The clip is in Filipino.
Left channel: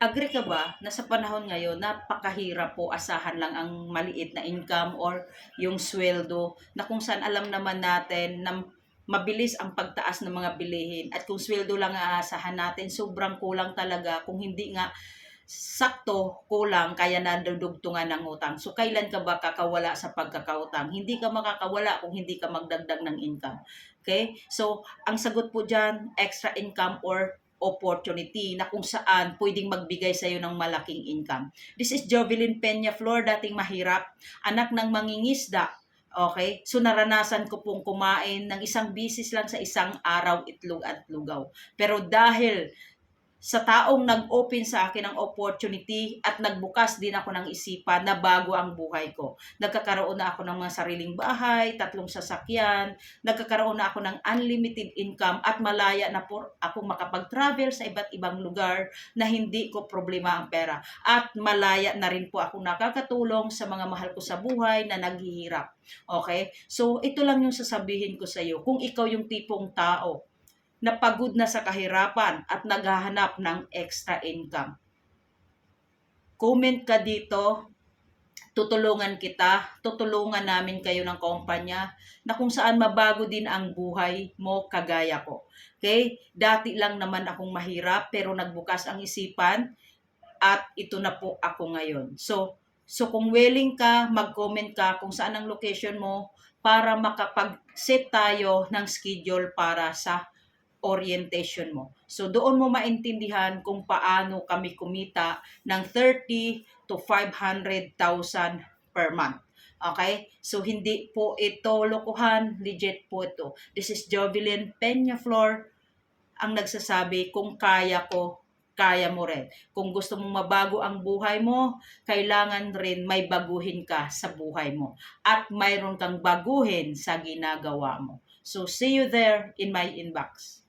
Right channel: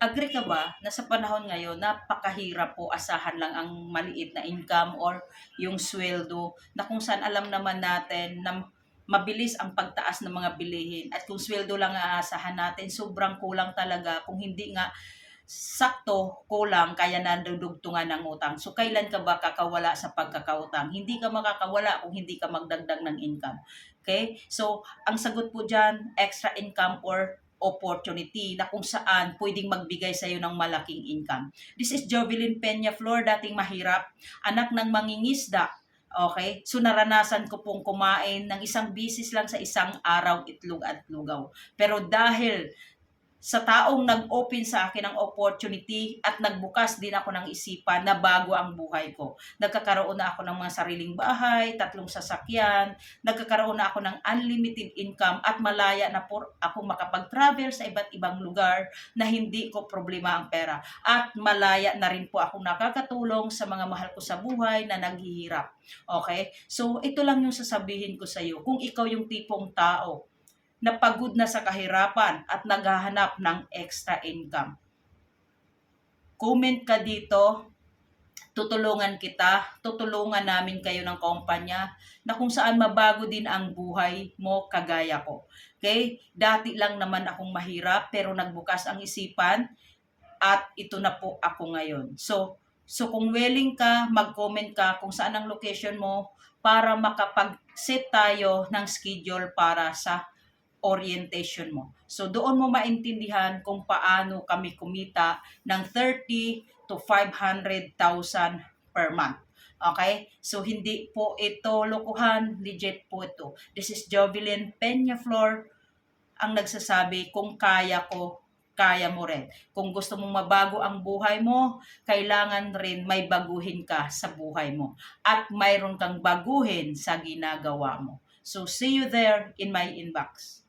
Agree ka ba na sa panahon ngayon napakahirap po asahan lang ang maliit na income or yung sweldo na kung saan alam naman natin na mabilis ang pagtaas ng mga bilihin at kung sweldo lang ang aasahan natin sobrang kulang talaga kung hindi nga sakto kulang kaya nadudugtungan ng utang. So kailan ka ba kakawala sa pagkakautang? Hindi ka makakawala kung hindi ka magdagdag ng income. Okay? So ang sagot po diyan, extra income or opportunity na kung saan pwedeng magbigay sa iyo ng malaking income. This is Jovelyn Peña Flor, dating mahirap, anak ng mangingisda. Okay? So naranasan ko pong kumain ng isang bisis lang sa isang araw, itlog at lugaw. Pero dahil sa taong nag-open sa akin ng opportunity at nagbukas din ako ng isipan na bago ang buhay ko. Nagkakaroon na ako ng mga sariling bahay, 3 sasakyan, nagkakaroon na ako ng unlimited income at malaya na po ako makapag-travel sa iba't ibang lugar na hindi ko problema ang pera. At malaya na rin po ako nakakatulong sa mga mahal ko sa buhay na naghihirap. Okay? So, ito lang yung sasabihin ko sa iyo. Kung ikaw yung tipong tao na pagod na sa kahirapan at naghahanap ng extra income. Comment ka dito, tutulungan kita, tutulungan namin kayo ng kumpanya na kung saan mabago din ang buhay mo kagaya ko. Okay? Dati lang naman akong mahirap pero nagbukas ang isipan at ito na po ako ngayon. So kung willing ka, mag-comment ka kung saan ang location mo para makapag-set tayo ng schedule para sa orientation mo. So doon mo maintindihan kung paano kami kumita ng 30 to 500,000 per month. Okay? So hindi po ito lokohan, legit po ito. This is Jovelyn Peñaflor ang nagsasabi kung kaya ko, kaya mo rin. Kung gusto mong mabago ang buhay mo, kailangan rin may baguhin ka sa buhay mo. At mayroon kang baguhin sa ginagawa mo. So see you there in my inbox.